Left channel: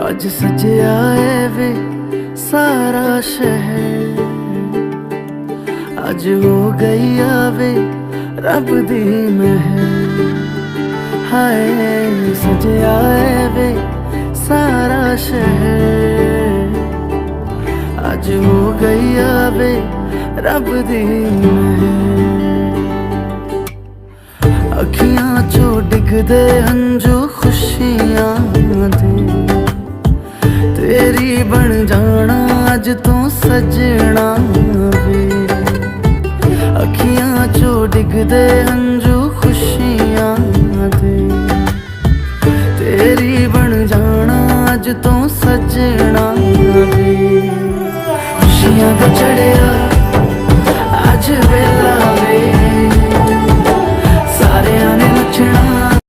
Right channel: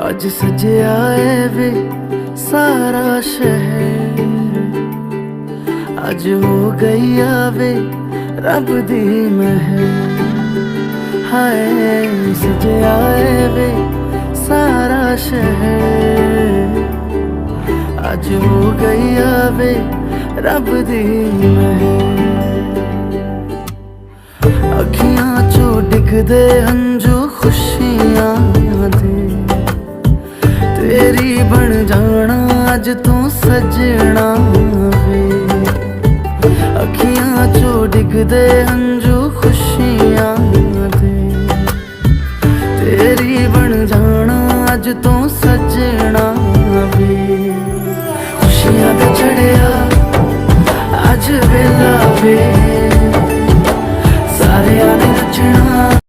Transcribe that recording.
आज सजया है वे सारा शहर, आज हो गई आवे रब दी महर। हाय सजया है वे सारा शहर, आज हो गई आवे रब दी महर। अखियां चो डिगदे हंजू खुशियां दे, तेरी बन जाना अज तू सजना वे। अखियां चो डिगदे हंजू खुशियां दे, तेरी बन जाना अज तू सजना वे। खुशियां दा चढ़िया अज वेला वे, सारे ने नचना